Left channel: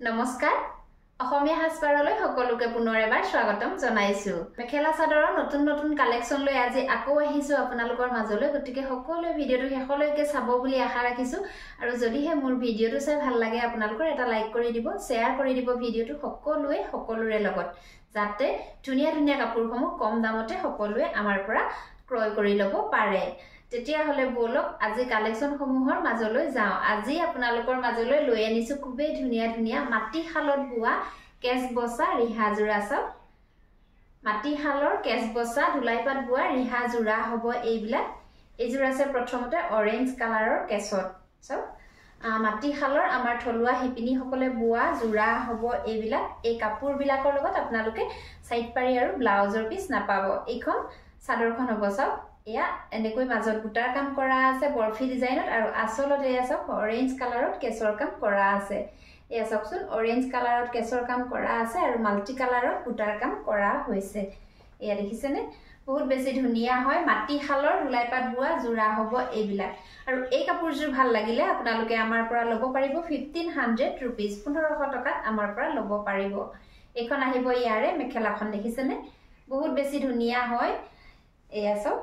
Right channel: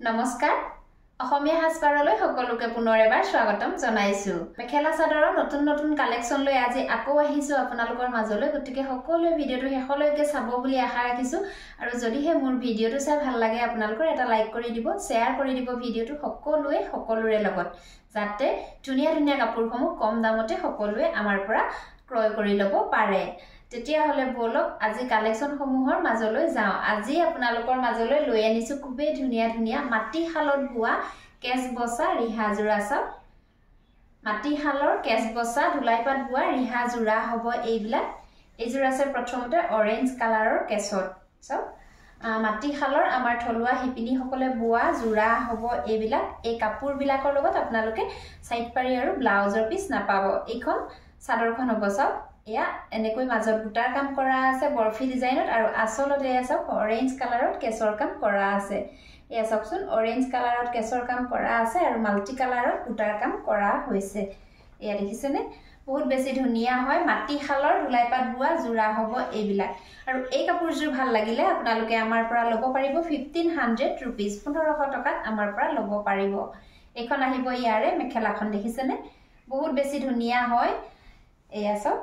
নমস্কাৰ অসমীয়া হাসপাৰলৈ সকলোকে পুনৰ এবাৰ স্বাগতম জনাইছো মেখেলা চাদৰৰ নতুন নতুন কালেকচন লৈ আজি আকৌ আহিছো আপোনালোকৰ মাজলৈ গতিকে সকলো ভিডিওটো শেষলৈকে চাব বুলি আশা ৰাখিছো আৰু যদিহে মোৰ ভিডিওটো চাই ভাল লাগে আপোনালোকৰ এটা লাইক কৰি দিব শেয়াৰ কৰি দিব ভিডিওটো সকলোৰে লগত যাতে ধুনিয়া ধুনিয়া কাপোৰসমূহ কম দামতে সকলোৱে আমাৰ পৰা ক্ৰয় কৰি লব পাৰে তেতিয়া হলে বলক আজি কালেকচন সমূহৰ মাজলৈ যাও আজি আপোনালোকৰ মাজলৈ লৈ আনিছো খুবে ধুনিয়া ধুনিয়া মাটি হালত বুৱা কেছ বসা ৰিহা জোৰা সব মাটি হালৰ কেছ বসা ধুলাইপাত বুৱা ৰিহা জোৰা হ'ব এইবিলাক এইজোৰ আছে প্ৰথমতে অৰেঞ্জ কালাৰৰ কেছত সব মাটি হালৰ আমাৰ থলুৱা হিপিনি সকলে বুৱা জোৰা হ'ব এইবিলাক এই কাপোৰ বিলাকৰ লগত আপোনালোকে সাইড পাৰি আৰু ব্লাউজৰ পিস নাপাব এইখন সাদৰখন হ'ব সব या এনেকৈ মাজত বুটাৰ কাম কৰা আছে বৰফি ডিজাইনত আৰু আসলত এয়া সব অৰেঞ্জ কালাৰত কেছৰ কাম কৰা আছে এয়া সবচোন অৰেঞ্জ কালাৰত কেছৰ কাম কৰা আছে আৰু মাল্টি কালাৰত বুটাৰ কাম কৰা হৈছে এয়া দেখিছেনে বহুত বেছি ধুনিয়া হয় মাটি হালৰ ধুলাইপাত বুৱা জোৰা হ'ব এইবিলাক আৰু এই কাপোৰজোৰ ভাল লাগিলে আপোনালোকে আমাৰ পৰা ল'ব পাৰিব 1500 रुपीस 1500 টকাত আমাৰ পৰা ল'ব পাৰিব এখন আহিব ইয়াৰে মেখেলাখন দেখিছেনে বহুত বেছি ধুনিয়া হয় এয়া সব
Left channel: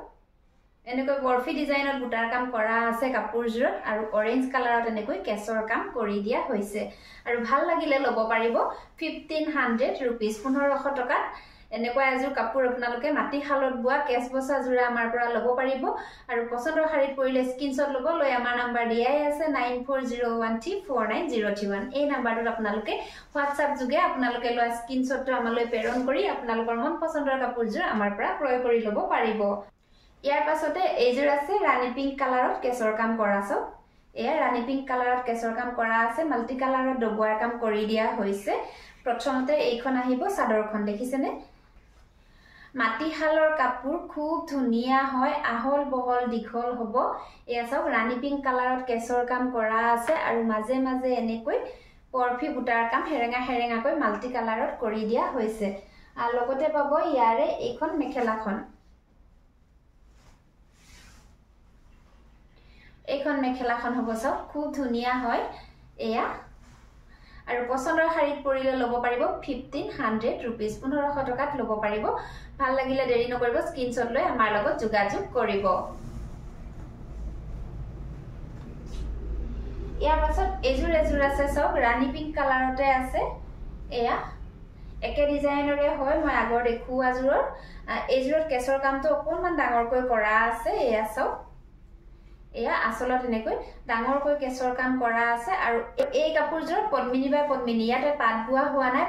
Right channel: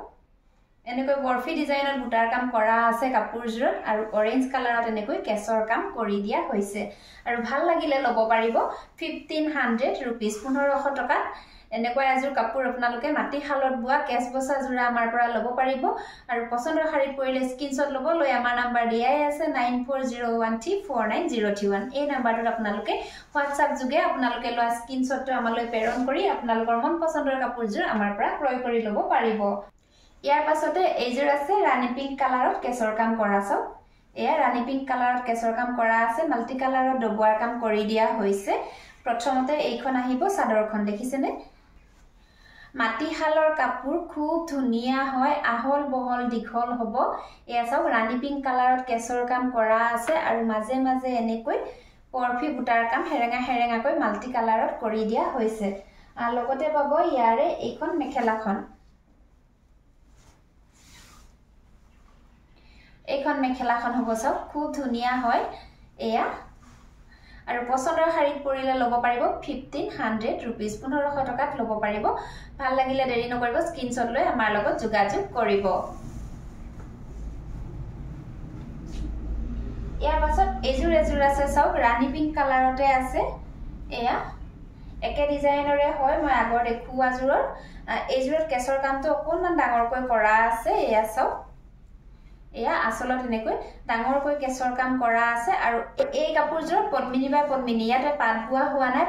এনেকৈ বৰফি ডিজাইনত বুটাৰ কাম কৰা আছে কাপোৰজোৰত আৰু অৰেঞ্জ কালাৰত এনেকৈ কেছৰ কাম কৰি দিয়া হৈছে আৰু ভাল লাগিলে ল'ব পাৰিব 1500 रुपीस 1500 টকাত এনেকৈ এজোৰ কাপোৰ আপোনালোকে মাটি হালত বুৱা কেছ বসা জোৰা আমাৰ পৰা ল'ব পাৰিব আৰু পছন্দৰ শাৰীত পৰিলে স্ক্ৰিনশ্বট ল'ব লৈ আমাৰ নাম্বাৰ দিয়াই আছে 9401349031 এই নাম্বাৰটোত আপোনালোকে WhatsApp যোগে আপোনালোকে লোৱা স্ক্ৰিনশ্বটটো আমালৈ প্ৰেৰণ কৰি আপোনালোকৰ মন পছন্দৰ কাপোৰজোৰ আমাৰ পৰা ক্ৰয় কৰি ল'ব পাৰিব ইয়াৰ পাছতে এইজোৰ আছে ৰাণী পিংক কালাৰত কেছৰ কাম কৰা সব এয়া ৰাণী পিংক কালাৰত কেছৰ কাম কৰা আছে মাল্টি কালাৰত ডবুৱাৰ কাম কৰি দিয়া হৈছে প্ৰথমতে এইখন আহিব সাদৰখন দেখিছেনে মাটি হালৰ কাপোৰ খুব ধুনিয়া হয় আহল বহল দীঘল হ'ব এয়া সব ৰাণী পিংক কালাৰত কেছৰ কাম কৰা আছে আৰু মাজে মাজে এনেকৈ পৰফি বুটাৰ কাম হেৰেঙাকৈ মাল্টি কালাৰত কৰি দিয়া হৈছে আৰু লগতে পাব ইয়াৰে এইখন মেখেলাখন এইখন মেখেলাখন হ'ব সব খুব ধুনিয়া হয় এয়া আৰু পছন্দৰ শাৰীত পৰিলে ল'ব পাৰিব 1500 रुपीस 1500 টকাত ল'ব পাৰিব ভাল লাগিলে দেৰি নকৰিব স্ক্ৰিনশ্বট লৈ আমাৰ লগত যোগাযোগ কৰিব ইয়াৰ পাছত এজোৰ আছে সব ৰাণী পিংক কালাৰতে আছে এয়া একে ডিজাইনৰে হয় মই আগৰ দেখুৱা জোৰৰ এজোৰত কেছৰ কামটো অকনমান ডাঙৰকৈ কৰা আছে এয়া সব এয়া আসলত এনেকৈ ডাঙৰকৈ কেছৰ কাম কৰা আছে আৰু এই কাপোৰজোৰ পদ্মিনী বাই পদ্মিনী ইয়াতে পাত বুৱা হোৱা নাই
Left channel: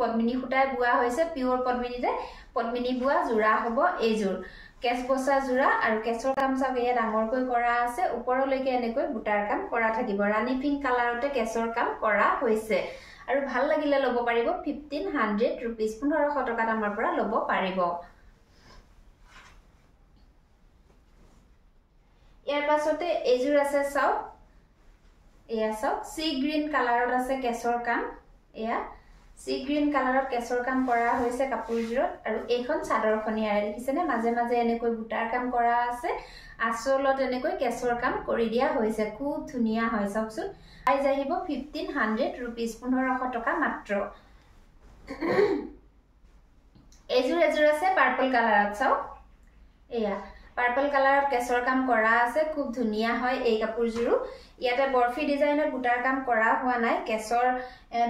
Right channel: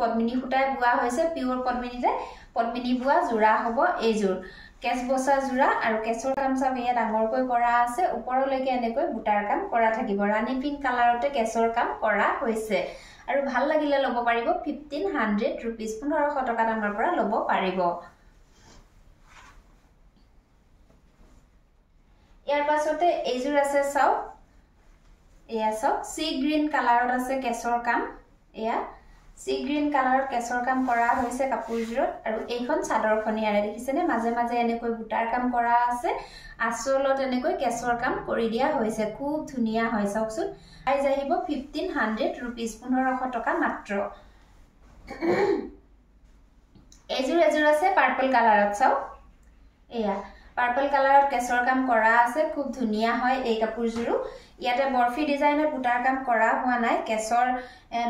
পদ্মিনী খুটাই বুৱা হৈছে পিওৰ পদ্মিনীতে পদ্মিনী বুৱা জোৰা হ'ব এইজোৰ কেছ বসা জোৰা আৰু কেছৰ কাম সব এয়া ডাঙৰকৈ কৰা আছে ওপৰলৈকে এনেকৈ বুটাৰ কাম কৰা থাকিব ৰাণী পিংক কালাৰতে কেছৰ কাম কৰা হৈছে আৰু ভাল লাগিলে ল'ব পাৰিব 1500 रुपीस 1500 টকাত আমাৰ পৰা ল'ব পাৰিব ইয়াৰ পাছতে এইজোৰ আছে সব এয়া সব সি গ্ৰীন কালাৰত আছে কেছৰ কাম এয়া সি গ্ৰীন কালাৰত কেছৰ কাম কৰা হৈছে কাপোৰজোৰত আৰু এইখন চাদৰখন ইয়াৰে দেখিছেনে মাজে মাজে এনেকৈ বুটাৰ কাম কৰা আছে আসলত এনেকৈ কেছৰ কাম কৰি দিয়া হৈছে খুব ধুনিয়া হয় সবচোন প্ৰাইস আহিব 1500 रुपीस 1500 টকা মাত্ৰ এইজোৰ আছে পাৰ্পল কালাৰত সব এয়া পাৰ্পল কালাৰত কেছৰ কাম কৰা আছে খুব ধুনিয়া হয় এই কাপোৰজোৰো ইয়াতে বৰফি ডিজাইনত বুটাৰ কাম কৰা হোৱা নাই কেছৰ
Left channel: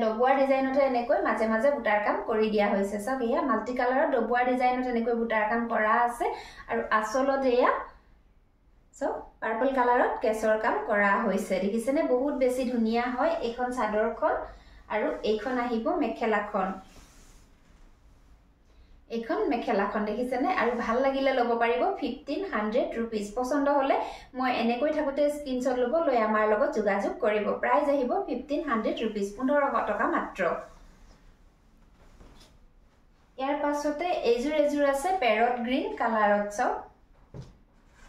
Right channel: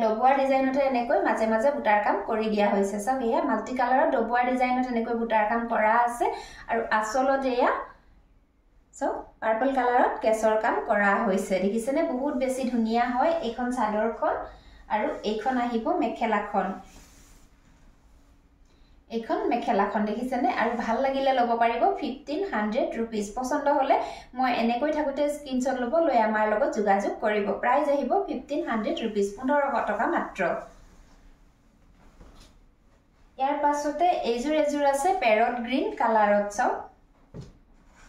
ডবুৱাৰ ডিজাইনতে এনেকৈ মাজে মাজে বুটাৰ কাম কৰি দিয়া হৈছে সব এয়া মাল্টি কালাৰত ডবুৱাৰ ডিজাইনত এনেকৈ বুটাৰ কাম কৰা আছে আৰু আসলত এয়া সব পাৰ্পল কালাৰত কেছৰ কাম কৰা হৈছে দেখিছেনে বহুত বেছি ধুনিয়া হয় এইখন চাদৰখন আৰু এইখন আহিব মেখেলাখন এইখন মেখেলাখন দেখিছেনে আৰু ভাল লাগিলে ল'ব পাৰিব 1500 रुपीस পছন্দ হলে মই এনেকৈ থাকোতে স্ক্ৰিনশ্বট ল'ব লৈ আমাৰ লগত যোগাযোগ কৰিব প্ৰাইস আহিব 1500 रुपीस 1500 টকা মাত্ৰ ইয়াৰ পাছতে এইজোৰ আছে পেৰট গ্ৰীন কালাৰত সব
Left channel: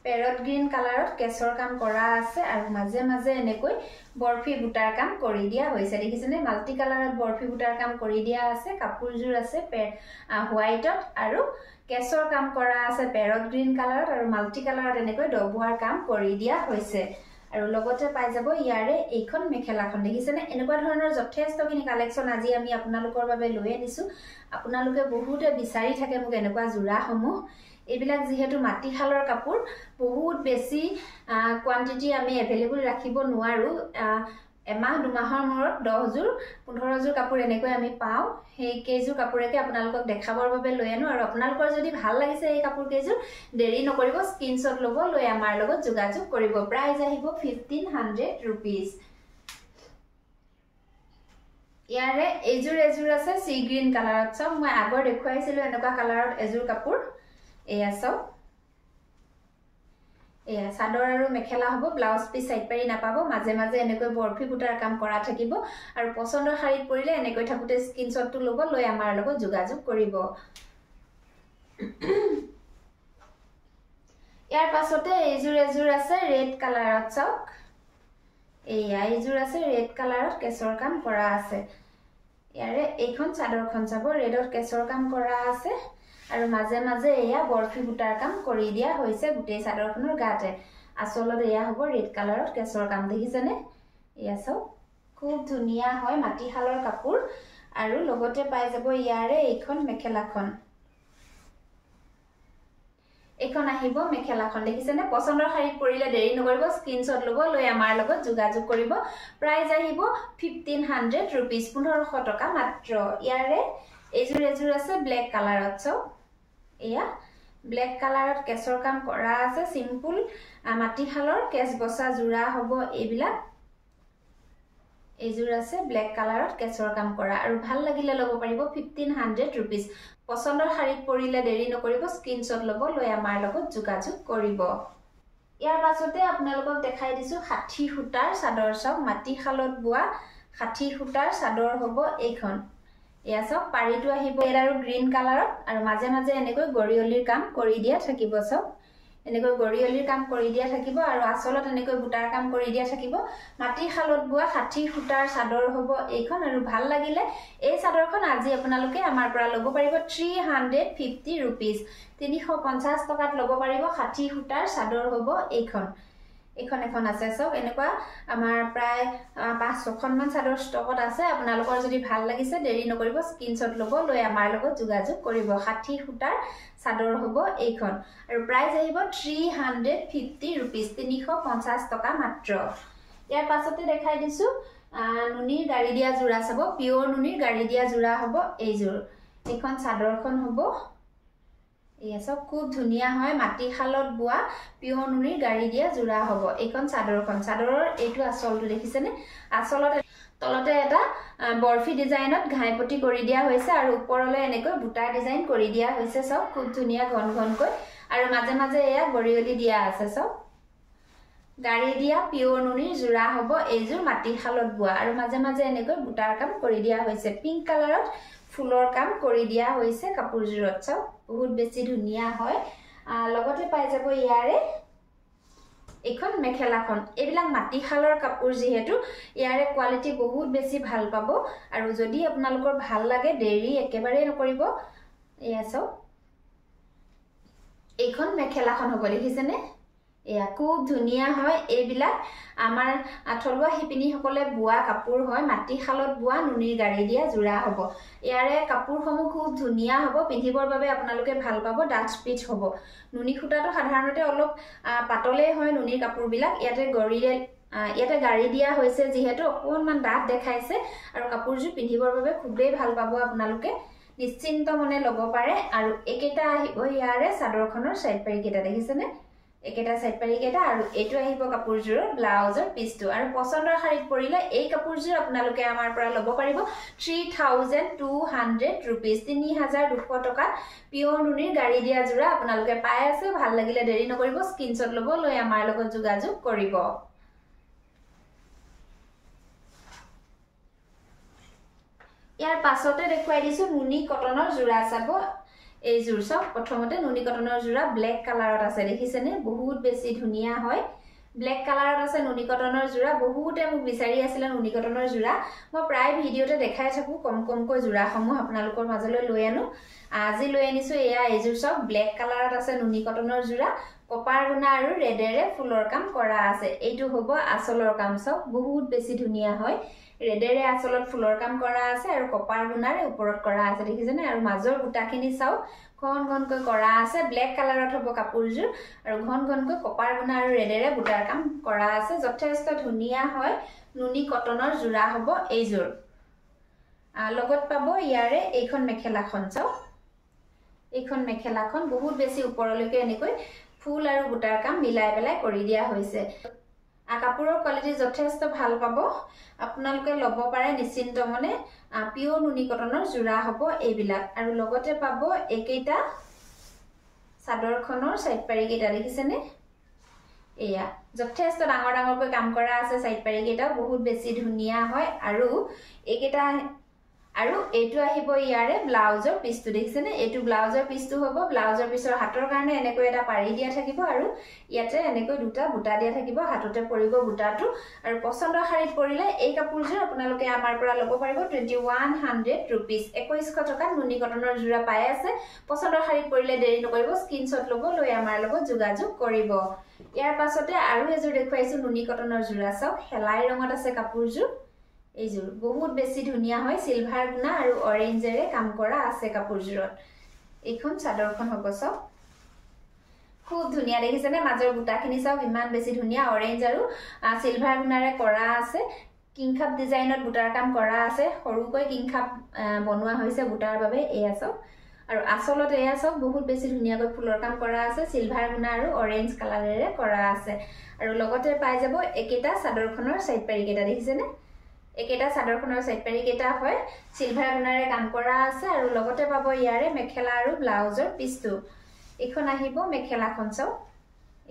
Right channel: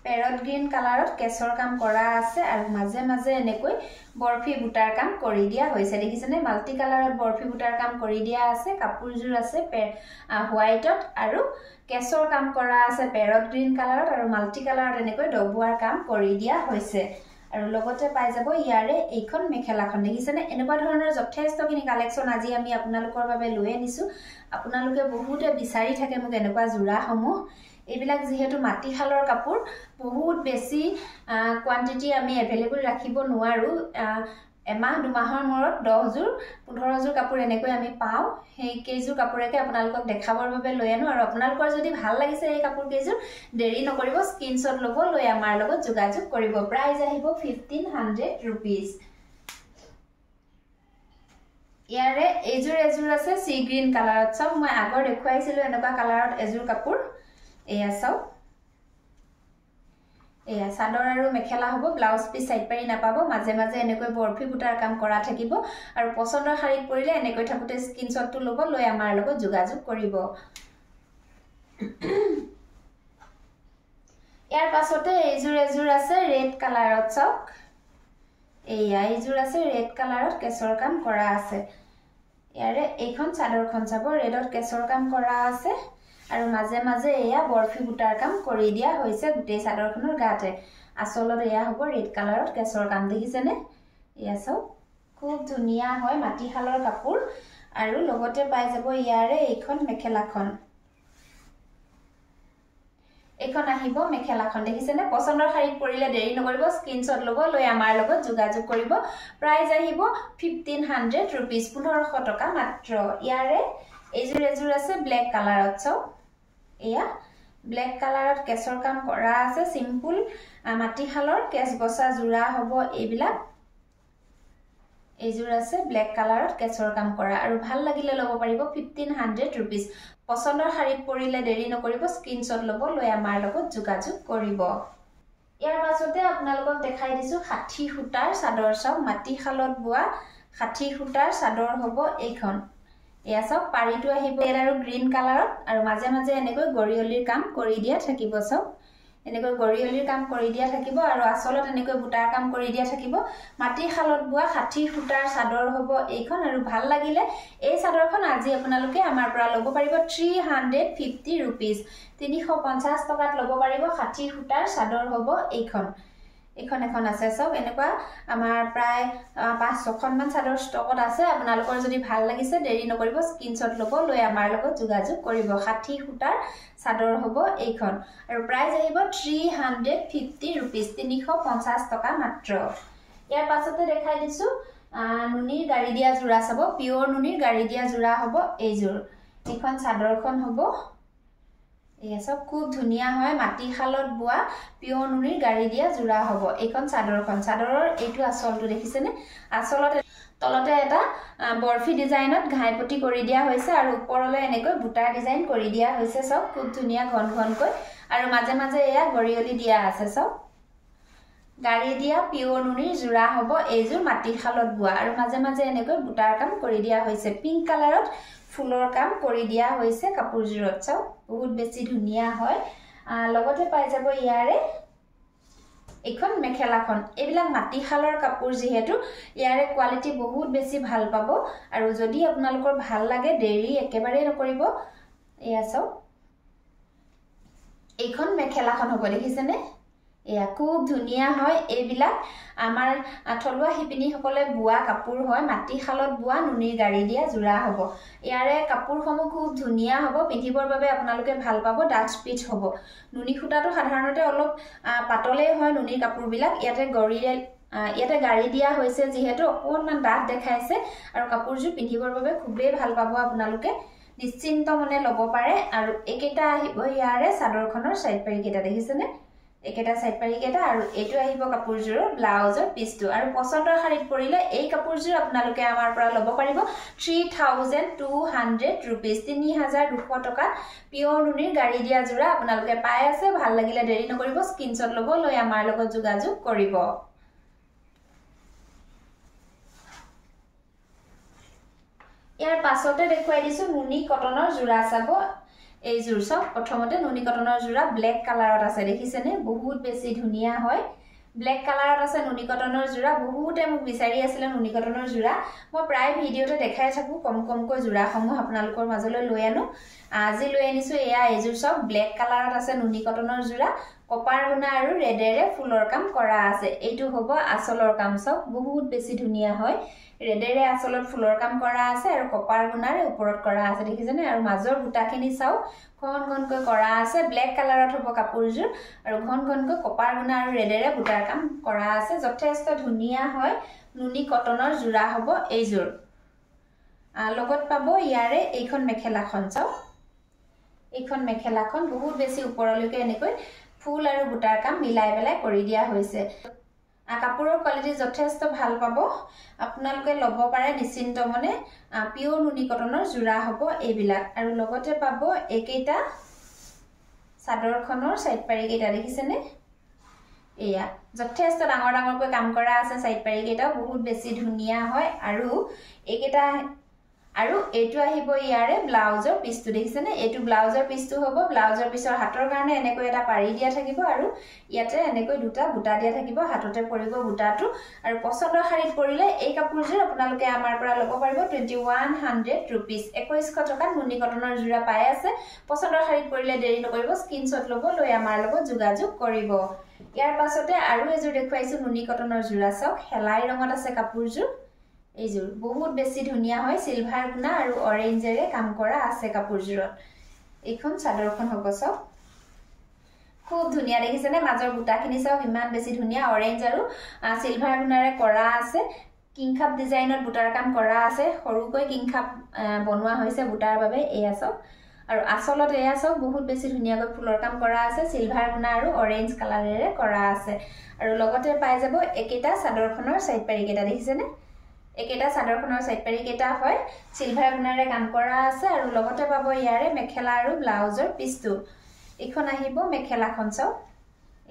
পেৰট গ্ৰীন কালাৰত কেছৰ কাম কৰা আছে আৰু মাজে মাজে এনেকৈ বৰফি বুটাৰ কাম কৰি দিয়া হৈছে দেখিছেনে মাল্টি কালাৰত বৰফি বুটাৰ কাম কৰি দিয়া আছে কাপোৰজোৰ আছে হোৱাইটত আৰু কেছৰ কাম কৰা আছে পেৰট গ্ৰীন কালাৰত আৰু মাল্টি কালাৰত এনেকৈ ডবুৱাৰ কাম কৰি দিয়া হৈছে আৰু লগতে পাই যাব ইয়াৰে এইখন মেখেলাখন দেখিছেনে এনেকুৱা ধৰণৰ যথেষ্টখিনি কালেকশ্যন আজি আমি আপোনালোকৰ বাবে লৈ আনিছো আপোনালোকে বহুতে বিচাৰি থাকে মোক এনেকুৱা জোৰাসমূহ এইবিলাক যেহেতু মাটিশালৰ কাপোৰ বহুত বেছি কোৱান্টিটি আমি এভেইলেবল ৰাখিব নোৱাৰো এমাহ দুমাহৰ মূৰত 10 জোৰ 15 জোৰ কাপোৰ এনেকৈ আমি পাওঁ সেই কেইজোৰ কাপোৰকে আপোনালোকক দেখাবৰ বাবে লৈ আনো আৰু আপোনালোকৰ যদি ভাল লাগিছে এই কাপোৰ কেইজোৰ দেৰি নকৰিব স্ক্ৰিনশ্বট ল'ব লৈ আমাৰ লগত যোগাযোগ কৰিব প্ৰাইস আহিব 1500 रुपीस ইয়াৰে এজোৰ আছে সি গ্ৰীন কালাৰত সব মই আগৰ দেখুৱাইছিলো এনেকুৱা কালাৰত এজোৰ কাপোৰ এয়া সব এয়া সাদৰ আৰু মেখেলা হ'ব ব্লাউজ পিস সাইড পাৰি নাপাব মাজে মাজে এনেকৈ বৰফি বুটাৰ কাম কৰা থাকিব আৰু পছন্দৰ শাৰীত পৰিলে এনেকৈ থাকুতে স্ক্ৰিনশ্বটটো ল'ব লৈ আমাৰ লগত যোগাযোগ কৰিব ইয়াৰ পাছতে এজোৰ আছে ৰেড কালাৰত চক এয়া এজোৰ আছে ৰেড কালাৰত কেশৰ কাম কৰা আছে ইয়াৰে এইখন চাদৰখন চাব ৰেডত কেশৰ কাম কৰা আছে আৰু মাজে মাজে এয়া বৰফি বুটাৰ কাম কৰি দিয়া হৈছে গুটেই চাদৰখনৰ গাতে আসলত এয়া হ'ব ৰেড কালাৰত কেশৰ কাম দেখিছেনে এয়া সব খুব ধুনিয়া হয় মাটিশালৰ কাপোৰ আৰু লগতে পাই যাব ইয়াৰে এইখন মেখেলাখন এখন আহিব মেখেলাখন দেখিছেনে পছন্দৰ শাৰীত পৰিলে দেৰি নকৰিব স্ক্ৰিনশ্বট ল'ব লৈ আমাৰ লগত যোগাযোগ কৰিব প্ৰাইস আহিব 1500 रुपीस 1500 টকা মাত্ৰ ইয়াৰে এজোৰ আছে ব্ল্যাক কালাৰত সব এয়া ব্ল্যাক কালাৰত কেশৰ কাম কৰা আছে সিম্পল মাটিশালৰ কেশ বসা জোৰা হ'ব এইবিলাক এজোৰ আছে ব্ল্যাক কালাৰত কেশৰ কাম কৰা আৰু ভাল লাগিলে ল'ব পাৰিব 1500 रुपीस পছন্দৰ শাৰীত পৰিলে দেৰি নকৰিব স্ক্ৰিনশ্বট ল'ব লৈ আমাৰ লগত যোগাযোগ কৰিব ইয়াৰ পাছতে আপোনালোকক দেখাই দিছো 60 সূতাৰ চাদৰ সব মাটিশালত বোৱা 60 সূতাৰ চাদৰ হ'ব এইখন এয়া সব পাৰিটো আহিব ৰেড আৰু গ্ৰীন কালাৰত আৰু মাজে মাজে এনেকৈ গৰিয়লিৰ কাম কৰি দিয়া থাকিব সব এনেকৈ গৰিয়লিৰ কাম কৰি দিয়া থাকিব আৰু আসলত এনেকৈ বুটাৰ কাম কৰি দিয়া থাকিব মাটিশালত বোৱা 60 সূতাৰ চাদৰ হ'ব এইখন আৰু ভাল লাগিলে এই চাদৰখন আজি আপোনালোকে আমাৰ পৰা ল'ব পাৰিব 350 रुपीस 350 টকাত ল'ব পাৰিব 60 সূতাৰ চাদৰ হ'ব এইখন এখন আছে সব এনেকুৱা আমাৰ প্ৰায় 5-6খন মান চাদৰ ষ্টকত আছে আপোনালোকৰ যদি ভাল লাগিছে দেৰি নকৰিব স্ক্ৰিনশ্বট ল'ব লৈ আমাৰ লগত যোগাযোগ কৰিব 60 সূতাৰ চাদৰ হ'ব এইখন আৰু প্ৰাইস আহিব 350 रुपीस 350 টকা মাত্ৰ ইয়াৰ পাছতে দেখাই দিছো নুনিৰ গাড়ী দিয়া জোৰা চাব পিওৰ নুনিৰ গাড়ী দিয়া জোৰা হ'ব এইজোৰ এখন চাদৰখন হ'ব এয়া সব খুব ধুনিয়া হয় মাটিশালত বোৱা পিওৰ নুনিৰ গাড়ী দিয়া জোৰা হ'ব এইখন চাদৰখন চাদৰৰ এইটো আসলটো দেখিছেনে আসলত তলতে এটা বৰফি ডিজাইনত ঘাইপটি কৰি দিয়া হৈছে আৰু ওপৰলৈ এনেকৈ বুটা ডিজাইন কৰি দিয়া হৈছে সব খুব ধুনিয়া ঘনকৈ আৰু মাজে মাজে এয়া গৰিয়লি দিয়া আছে সব গাড়ী দিয়া পিওৰ নুনিৰ জোৰা হ'ব এইজোৰ মাটিশালত বোৱা আৰু মাজে মাজে এনেকৈ বুটাৰ কাম কৰি দিয়া হৈছে পিংক কালাৰত ফুলৰ কাম কৰি দিয়া হৈছে কাপোৰজোৰত সব বহুত বেছি ধুনিয়া হয় লগতে পাই যাব ইয়াৰে এখন মেখেলাখন এইবিলাক মাটিশালৰ কাপোৰ যেহেতু ইয়াৰে কোৱালিটি বহুত বেছি ভাল পাব আৰু যদি আপোনালোকৰ ভাল লাগে দেৰি একেবাৰে নকৰিব এয়া সব এইখন মেখেলাখন হ'ব দেখিছেনে এয়া খুব ধুনিয়া হয় এইবিলাক আমাৰ থলুৱা শিপিনী সকলে বোৱা কাপোৰ হয় মাটিশালত বোৱা নুনিৰ গাড়ী দিয়া জোৰা হ'ব ইয়াৰে কাপোৰসমূহ খুব ধুনিয়া হ'ব পিন্ধিবৰ বাবে আপোনালোকে ভাল পাব ডাঠ স্পিচ হ'ব নুনি খুটাটো সাধাৰণতে অলপ পাতলে হয় নুনিৰ কাপোৰবিলাক ইয়াতে গাড়ী দিয়া হৈছে যেহেতু অকণমান ডাঠ দেখাইছে আৰু কাপোৰজোৰ পিন্ধিবৰ বাবে খুবেই ভাল পাব আপোনালোকে নিশ্চিন্ত মনে ল'ব পাৰে আৰু একেটা আহিব ইয়াৰে চাদৰখনৰ সাইড পাৰি কেটা দেখিছেনে একেটা সাইড পাৰি কেটা আৰু এটো আহিব কাপোৰজোৰৰ ব্লাউজৰ পিছটো আৰু পছন্দৰ শাৰীত পৰিলে এই কাপোৰজোৰ আপোনালোকে আমাৰ পৰা ল'ব পাৰিব 3200 रुपीस 3200 টকা পিওৰ নুনিৰ গাড়ী দিয়া জোৰা আপোনালোকে পাই আছে ভাল লাগিলে দেৰি নকৰিব স্ক্ৰিনশ্বট ল'ব লৈ আমাৰ লগত যোগাযোগ কৰিব ইয়াৰ পাছতে দেখুৱাই দিছো নুনি কটনৰ জোৰা চাব এই জোৰ সব প্ৰথমতে নুনি কটনৰ জোৰা ব্ল্যাক কালাৰত আছে দেখিছেনে বহুত বেছি ধুনিয়া হয় ব্ল্যাক কালাৰত আছে নুনি কটনৰ জোৰা বহুতে মোক বিচাৰি আছিল নুনি কটনৰ জোৰা মই প্ৰায় ভিডিওতে দেখাই থাকো কমকৈ জোৰাসমূহ আপোনালোকৰ মাজলৈ লৈ আনো আজি লৈ আনিছো এয়া এই জোৰ সব ব্ল্যাক কালাৰত আছে নুনি কটনৰ জোৰা কপাৰ গুণা আৰু ৰেডেৰে ফুলৰ কাম কৰা আছে এইটো হ'ব আচলৰ কাম চাওক বহুত বেছি ধুনিয়া হয় ৰেডেৰে আচলত ফুলৰ কাম কৰা আছে আৰু কপাৰ গুণাৰে ওপৰত কৰা আছে দেখিছেনে আৰু মাজৰ বুটাখিনি চাও ঘন ঘনকৈ কৰা আছে ব্ল্যাক কালাৰত হ'ব কাপোৰজোৰ আৰু ঘন ঘনকৈ কপাৰ গুণা আৰু ৰেডেৰে বুটাৰ কাম কৰা আছে যথেষ্ট ধুনিয়া হয় নুনি কটনৰ জোৰা হ'ব এইজোৰ লগত পাব ইয়াৰে এইখন মেখেলাখন চাও এইখন মেখেলাখন বহুত বেছি ওপৰলৈকে এনেকৈ ফুল আৰু বুটাৰ কাম মিলাই পেলাই কৰি দিয়া হৈছে কাপোৰৰ কোৱালিটি যথেষ্ট ভাল পাব আপোনালোকে ল'ব পাৰে নিশ্চিন্ত মনে পিওৰ নুনি কটনৰ জোৰা হ'ব এইবিলাক আৰু লগতে পাব একেইটা চাদৰখনৰ সাইড পাৰি কেইটা দেখিছেনে এয়া যথেষ্ট ডাঙৰ ডাঙৰকৈ কাম কৰা আছে সাইড পাৰি কেইটা বহুত বেছি ধুনিয়া হয় আৰু একেইটা আৰু এটো আহিব ইয়াৰে ব্লাউজৰ পিছটো দেখিছেনে এটো ব্লাউজৰ পিছটো হ'ব ব্লাউজৰ পিছৰ হাতৰ কাৰণে এনেকৈ এটা পাৰি দিয়া থাকিব আৰু ইয়াতে এনেকৈ দুটা বুটা দিয়া থাকিব হাততে পৰিব বুটাটো আৰু পছন্দৰ শাৰীত পৰিলে এই কাপোৰজোৰ আপোনালোকে আমাৰ পৰা ল'ব পাৰিব 2100 रुपीस 2100 টকা নুনি কটনৰ জোৰা পাই আছে পছন্দৰ শাৰীত পৰিলে দেৰি নকৰিব স্ক্ৰিনশ্বট ল'ব লৈ আমাৰ লগত যোগাযোগ কৰিব ইয়াৰ পাছতে আৰু এজোৰ দেখুৱাইছো নুনি কটনৰ জোৰা চাওক হেলাই ৰঙত আছে কাপোৰজোৰ এইজোৰ বহুত বেছি ধুনিয়া হয় সিলভাৰ গুণা আৰু অৰেঞ্জেৰে কাম কৰা আছে কাপোৰজোৰত এইখন চাদৰখন হ'ব চাওক খুব ধুনিয়া দেখিছেনে মাজৰ বুটাখিনি চাওক ইমান বেছি ধুনিয়া অৰেঞ্জ আৰু সিলভাৰ গুণাৰে কৰা আছে কিংখাপ ডিজাইনত বুটাৰ কাম কৰা আছে সৰুকৈ কিংখাপ বনোৱা হৈছে বুটাৰ বাবে এয়া চাওক আৰু আচলত এয়া চাওক বহুত বেছি ধুনিয়াকৈ ফুলৰ কাম কৰা আছে সিলভাৰ গুণা আৰু অৰেঞ্জ কালাৰেৰে কৰা আছে আৰু লগতে পাই যাব একেটা চাদৰখনৰ সাইড পাৰি কেইটা দেখিছেনে একেটা চাদৰখনৰ সাইড পাৰি কেইটা হয় সিলভাৰ গুণাৰে কাম কৰা আছে আৰু লগতে পাব ইয়াৰে মেখেলা আৰু ব্লাউজৰ পিছটো এখন আহিব মেখেলাখন চাও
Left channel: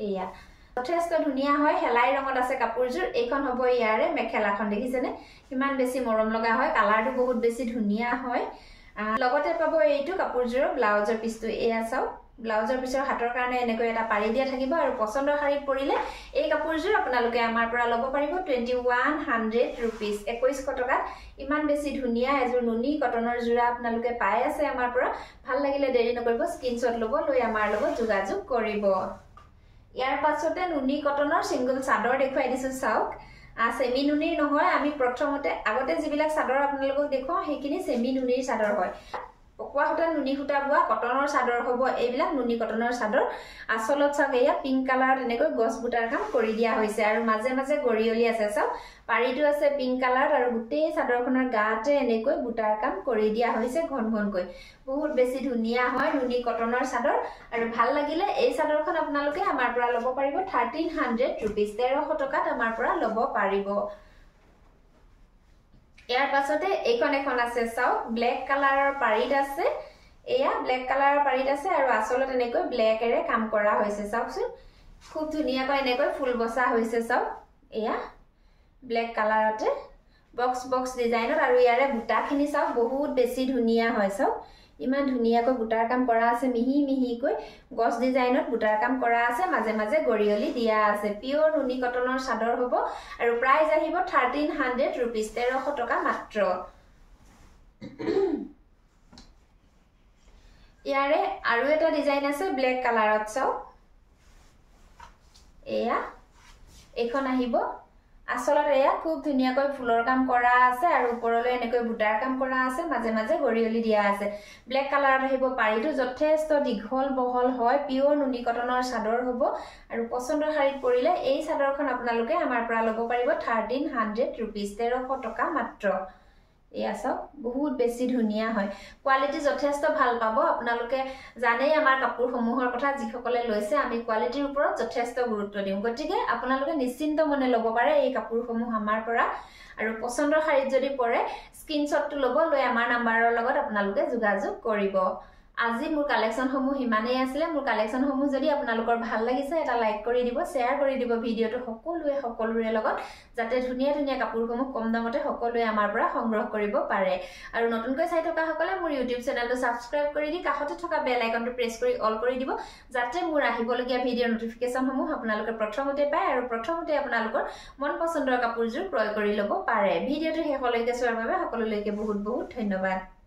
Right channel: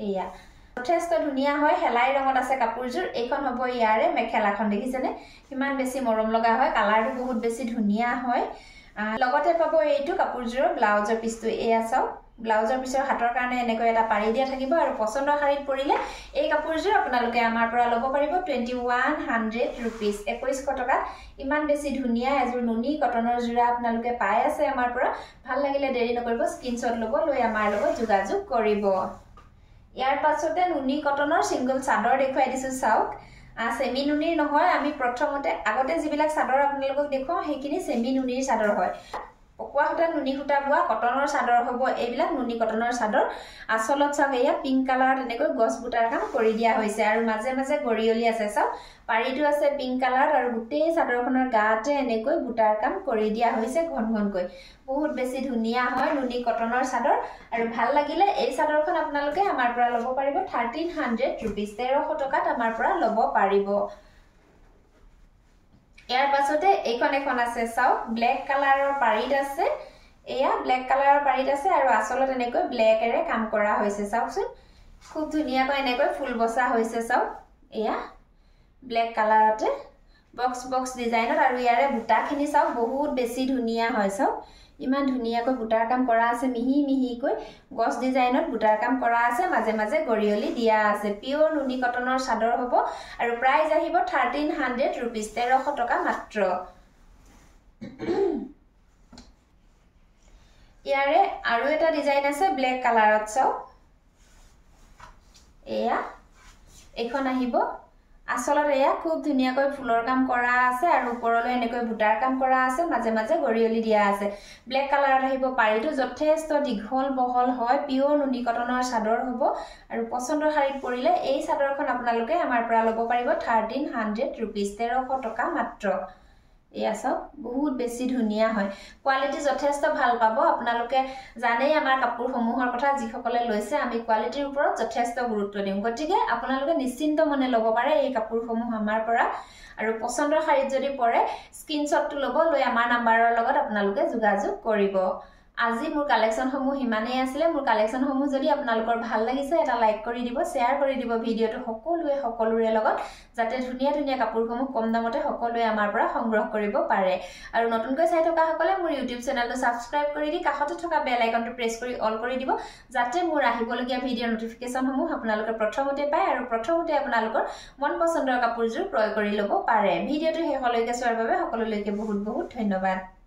এয়া যথেষ্ট ধুনিয়া হয় হেলাই ৰঙত আছে কাপোৰজোৰ এইখন হ'ব ইয়াৰে মেখেলাখন দেখিছেনে কিমান বেছি মৰম লগা হয় কালাৰটো বহুত বেছি ধুনিয়া হয় লগতে পাব এইটো কাপোৰজোৰৰ ব্লাউজৰ পিছটো এয়া চাও ব্লাউজৰ পিছৰ হাতৰ কাৰণে এনেকৈ এটা পাৰি দিয়া থাকিব আৰু পছন্দৰ শাৰীত পৰিলে এই কাপোৰজোৰ আপোনালোকে আমাৰ পৰা ল'ব পাৰিব 2100 रुपीस 2100 টকা ইমান বেছি ধুনিয়া এজোৰ নুনি কটনৰ জোৰা আপোনালোকে পাই আছে আমাৰ পৰা ভাল লাগিলে দেৰি নকৰিব স্ক্ৰিনশ্বট ল'ব লৈ আমাৰ লগত যোগাযোগ কৰিব ইয়াৰ পাছতে নুনি কটনৰ সিঙ্গল চাদৰ দেখুৱাই দিছো চাওক সেমি নুনিৰ নহয় আমি প্ৰথমতে আগতে যিবিলাক চাদৰ আপোনালোকক দেখুৱাও সেইখিনি সেমি নুনিৰ চাদৰ হয় পকুৱা হতা নুনি হুটা বুৱা কটনৰ চাদৰ হ'ব এইবিলাক নুনি কটনৰ চাদৰ আসলত চাওক এয়া পিংক কালাৰত এনেকৈ গছ বুটাৰ কাম কৰি দিয়া হৈছে আৰু মাজে মাজে গৰিয়লি আছে চাওক পাৰিটো আছে পিংক কালাৰত আৰু গোটেই চাদৰখনৰ গাতে এনেকৈ বুটাৰ কাম কৰি দিয়া হৈছে ঘন ঘনকৈ বহুত বেছি ধুনিয়া হয় নুনি কটনৰ চাদৰ আৰু ভাল লাগিলে এই চাদৰখন আপোনালোকে আমাৰ পৰা ল'ব পাৰিব 1300 रुपीस 1300 টকাত আমাৰ পৰা ল'ব পাৰিব ইয়াৰ পাছতে এইখন এখন আছে চাও ব্ল্যাক কালাৰৰ পাৰিত আছে এয়া ব্ল্যাক কালাৰৰ পাৰিত আছে আৰু আসলত এনেকৈ ব্ল্যাকেৰে কাম কৰা হৈছে চাওকচোন খুব ধুনিয়াকৈ এনেকৈ ফুল বসা হৈছে চাও এয়া ব্ল্যাক কালাৰতে বক্স বক্স ডিজাইনত আৰু ইয়াৰে বুটাখিনি চাও বহুত বেছি ধুনিয়া হয় চাও ইমান ধুনিয়াকৈ বুটাৰ কাম কৰা আছে মিহি মিহিকৈ গছ ডিজাইনত বুটাৰ কাম কৰা আছে মাজে মাজে গৰিয়লি দিয়া আছে পিওৰ নুনি কটনৰ চাদৰ হ'ব আৰু প্ৰাইস আহিব 1300 रुपीस 1300 টকা মাত্ৰ ইয়াৰে আৰু এটা ডিজাইন আছে ব্ল্যাক কালাৰত চাও এয়া এখন আহিব আসলত এয়া খুব ধুনিয়াকৈ ফুলৰ কাম কৰা আছে আৰু ওপৰলৈ এনেকৈ বুটাৰ কাম কৰা আছে মাজে মাজে গৰিয়লি দিয়া আছে ব্ল্যাক কালাৰত আহিব পাৰিটো যথেষ্ট দীঘল বহল হয় পিওৰ নুনি কটনৰ চাদৰ হ'ব আৰু পছন্দৰ শাৰীত পৰিলে এই চাদৰখন আপোনালোকে আমাৰ পৰা ল'ব পাৰিব 1300 रुपीस 1300 টকা মাত্ৰ এয়া চাওক বহুত বেছি ধুনিয়া হয় কোৱালিটি যথেষ্ট ভাল পাব আপোনালোকে জানেই আমাৰ কাপোৰসমূহৰ কথা যিসকলে লৈছে আমি কোৱালিটিৰ ওপৰত যথেষ্ট গুৰুত্ব দিম গতিকে আপোনালোকে নিশ্চিন্ত মনে ল'ব পাৰে এই কাপোৰসমূহ আমাৰ পৰা আৰু পছন্দৰ শাৰীত যদি পৰে স্ক্ৰিনশ্বটটো ল'ব লৈ আমাৰ নাম্বাৰৰ লগত আপোনালোকে যোগাযোগ কৰিব আজি মোৰ কালেকশনসমূহ হিমানেই আছিল মোৰ কালেকশনসমূহ যদি আপোনালোকৰ ভাল লাগিছে এটা লাইক কৰি দিব শেয়াৰ কৰি দিব ভিডিওটো সকলোৰে লগত যাতে ধুনিয়া ধুনিয়া কাপোৰসমূহ কম দামতে সকলোৱে আমাৰ পৰা সংগ্ৰহ কৰিব পাৰে আৰু নতুনকৈ চাই থকা সকলে মোৰ YouTube চেনেলটো সাবস্ক্ৰাইব কৰি দি কাষতে থকা বেল আইকনটো প্ৰেছ কৰি অল কৰি দিব যাতে মোৰ আহিবলগীয়া ভিডিও নটিফিকেশনসমূহ আপোনালোকে প্ৰথমতে পায় আৰু প্ৰথমতে আপোনালোকৰ মন পছন্দৰ কাপোৰজোৰ ক্ৰয় কৰি ল'ব পাৰে ভিডিওটো শেষলৈকে চোৱাৰ বাবে সকলোলৈকে বহুত বহুত ধন্যবাদ